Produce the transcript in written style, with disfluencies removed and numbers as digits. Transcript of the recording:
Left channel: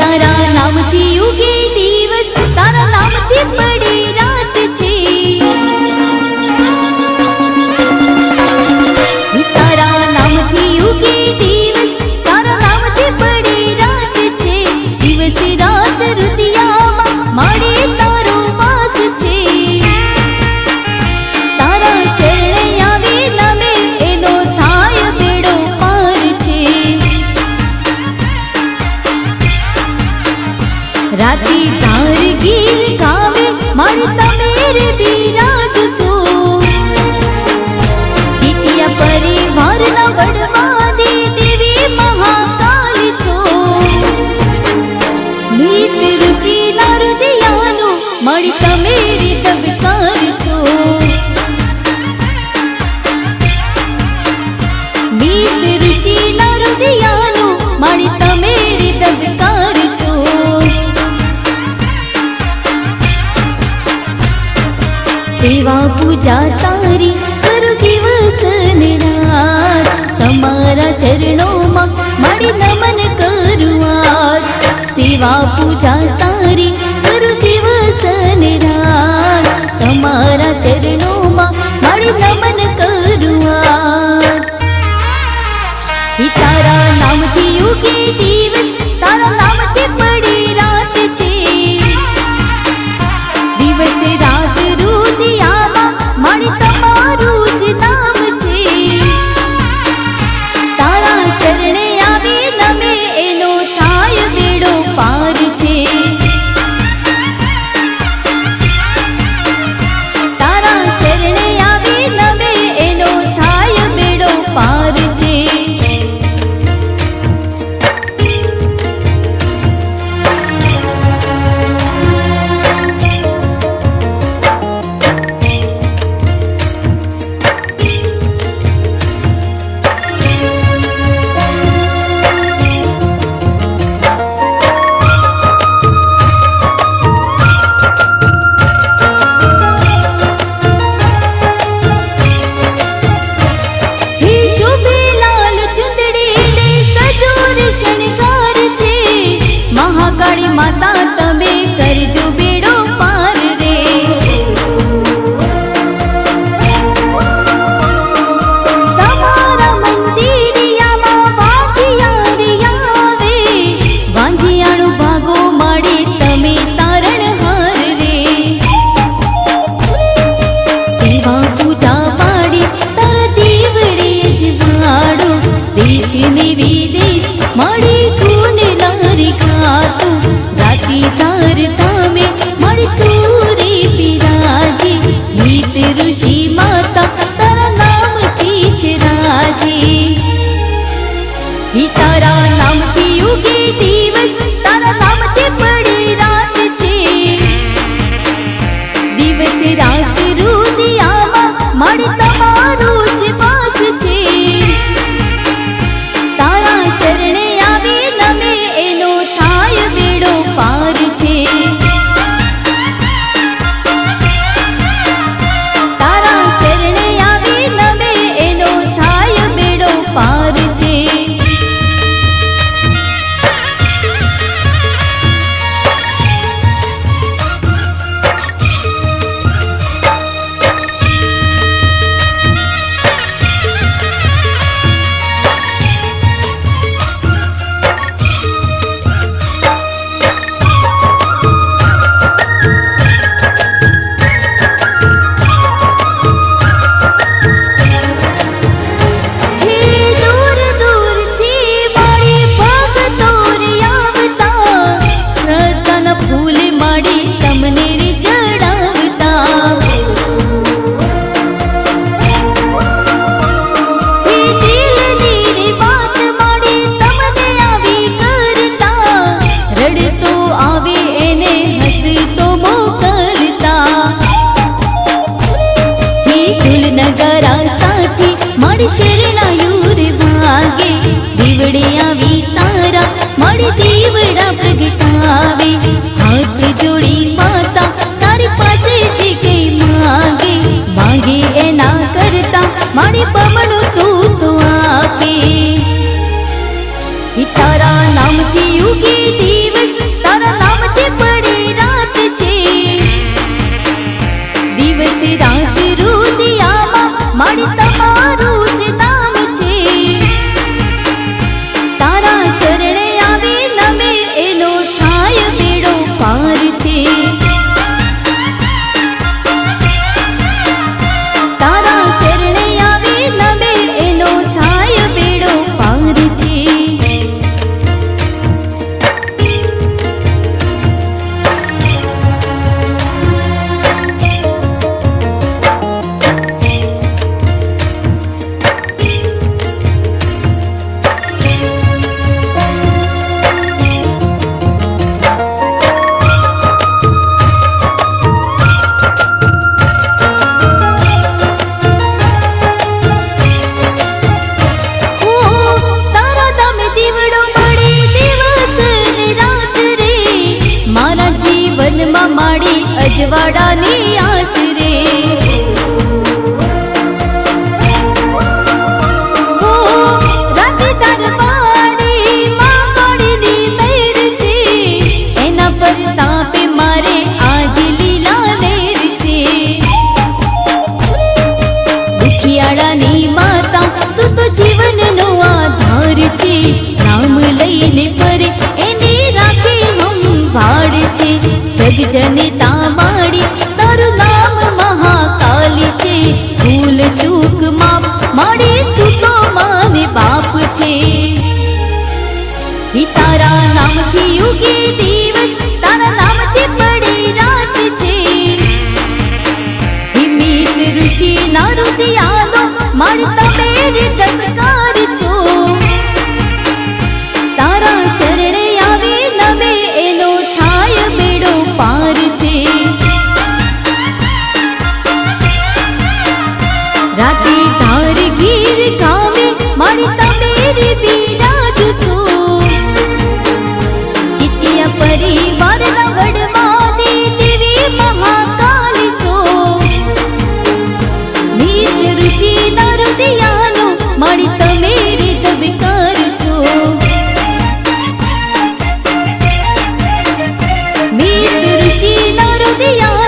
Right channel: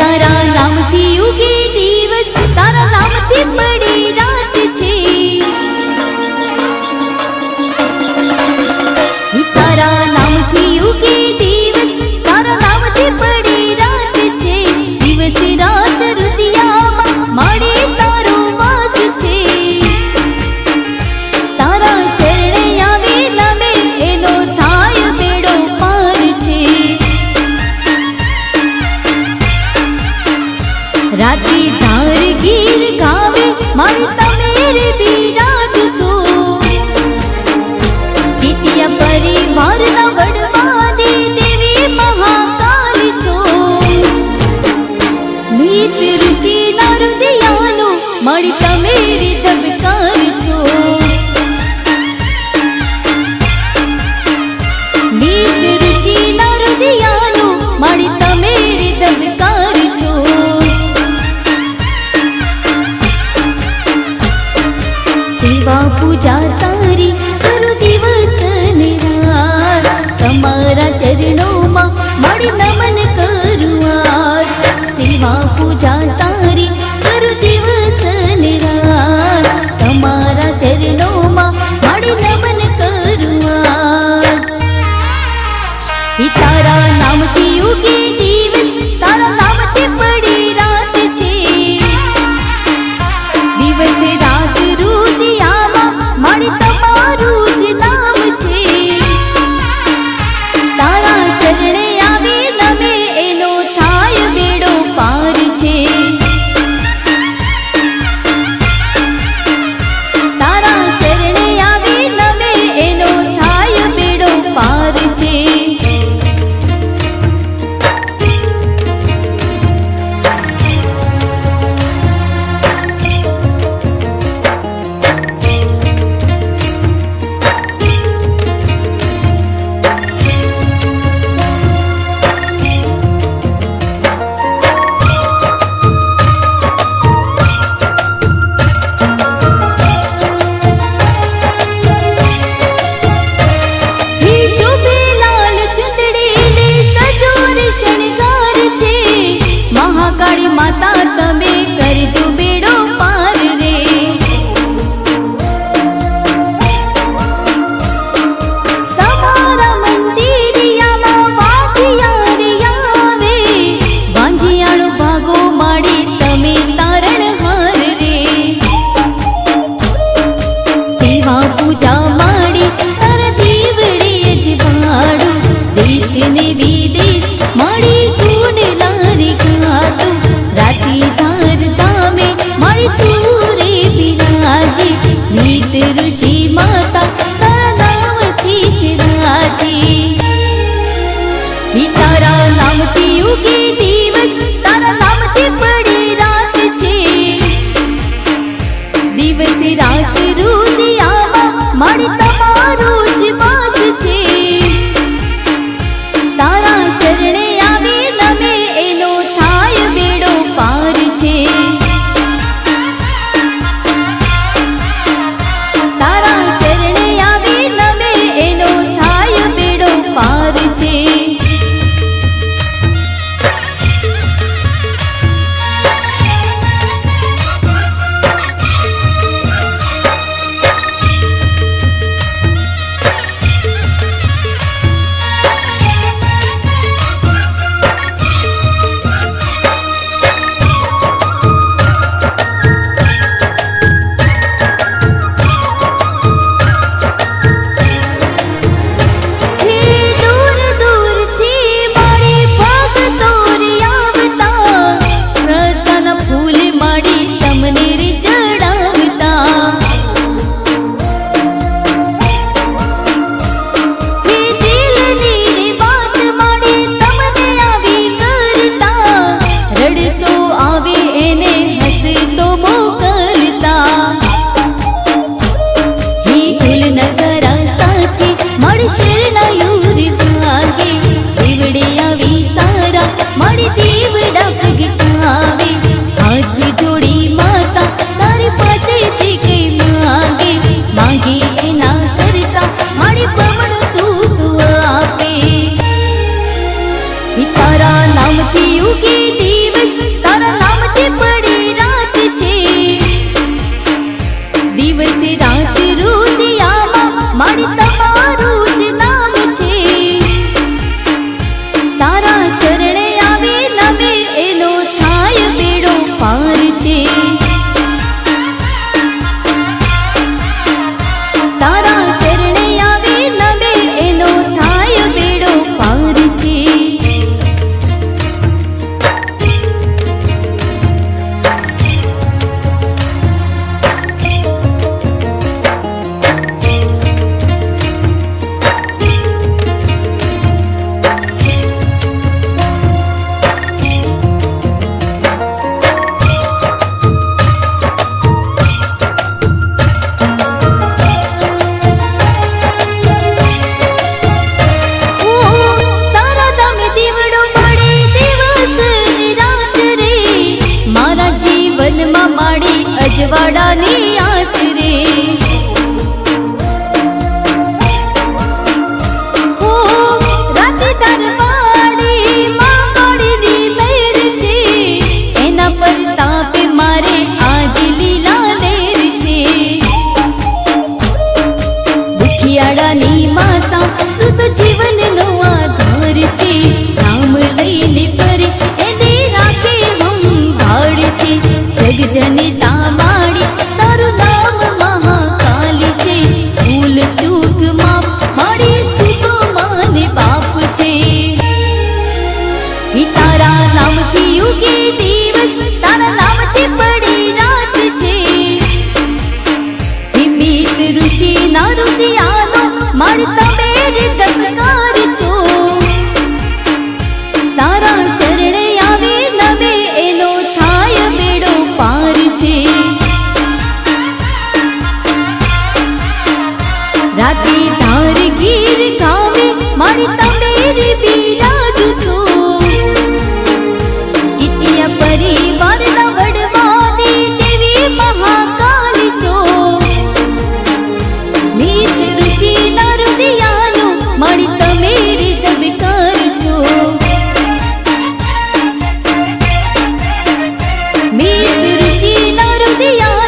तारा नामथी उगे दिवस, तारा नामथी पड़ी रात छे। तारा नामथी उगे दिवस, तारा नामथी पड़ी रात छे। दिवस रात रुदियामा माड़े तारो वास छे। तारा शरणे आवे नमे एनो थाय बेड़ो पार छे। राती धार गीर गावे मारे तमेरे बिराज छो। कीटिया परिवार ना वडवादी देवी महाकाल छो। नीत ऋषि ना हृदयानो मारी तमेरी धबकार छो। नीत ऋषि ना हृदयानो मारी तमेरी धबकार छो। सेवा पूजा तारी करो दिवस ने रात, तमारा चरणों में माड़ी नमन करुआर। सेवा पूजा तारी करो दिवस ने रात, तमारा चरणों में माड़ी नमन करुआर। तारा नाम थी उगे दिवस, तारा नाम थी पड़ी रात छे। दिवस रात रुदियामा माड़ी तमारू ज नाम छे। तारा शरणे आवे नमे एनो थाय बेड़ो पार छे। तारा शरणे आवे नमे एनो थाय बेड़ो पार छे। महाकाली माता तमे करजो बेड़ो पार रे। तमारा मंदिरियामा वाजियारी आवे, वांजियाणो भागो माड़ी तमे तारण हार रे। सेवा पूजा माड़ी तारा दीवड़ी जवाड़ो, देश ने विदेश माड़ी खून नारी खातू। राती तार तामे माड़ी तूरे बिराजी, नीत ऋषि माता तारा नाम थी चराजी। तारा नाम थी उगे दिवस, तारा नाम थी पड़ी रात छे। दिवस रात रुदियामा माड़ी तमारू ज वास छे। तारा शरणे आवे नमे एनो थाय बेड़ो पार छे। तारा शरणे आवे नमे एनो थाय बेड़ो पार छे। फूल माड़ी तमने रे चढ़ावता। हे दिल नी रे बात माड़ी तमने आवी करता। રડતો આવે એને હસતો મોકલતા. હે ઢોલ નગારા સાથે મારી શરણાયું રે ભાગે, દીવડે આવી તારા મારી દીવડા પ્રગટાવે. હાથ જોડી માતા તારી પાસે જે કઈ માગે, માગે એના કરતા મારી બમણો તું તો આપે. તારા નામથી યુગે દિવસ, તારા નામથી પડે રાત છે. દિવસ રાત રુદિયામાં મારી તમારું જ નામ છે. તારા શરણે આવે નમે એનો થાય બેડો પાર છે. તારા શરણે આવે નમે એનો થાય બેડો પાર છે. મારા જીવનમાં માડી અજવાળાની આસ રે. હો રાતે દરવાડી માં કાળીની મહેર છે. એના પર તાપે મારે આજ લીલા લેર છે. દુખિયાળાની માતા તું તો જીવનનો આધાર છે. નામ લઈને ફરે એને રાખે ભાળ છે. જગ જનતા માડી તારું નામ મહાકાલી છે. ભૂલ ચૂક માપ માડી તું તો માને બાપ છે. તારા નામથી યુગે દિવસ, તારા નામથી પડે રાત છે. મિત ઋષિ ના રુદિયાનો માડ તમે ધબકાર છો. તારા શરણે આવે નમે એનો થાય બેડો પાર છે. રાતે ધાર ગીર ગામે મારી તમે બિરાજ છો. કિટિયા પરિવારના વડવાની દેવી મહાકાલી છો. મિત ઋષિ ના રુદિયાનો મારી તમે ધબકાર છો. મિત ઋષિ ના રુદિયા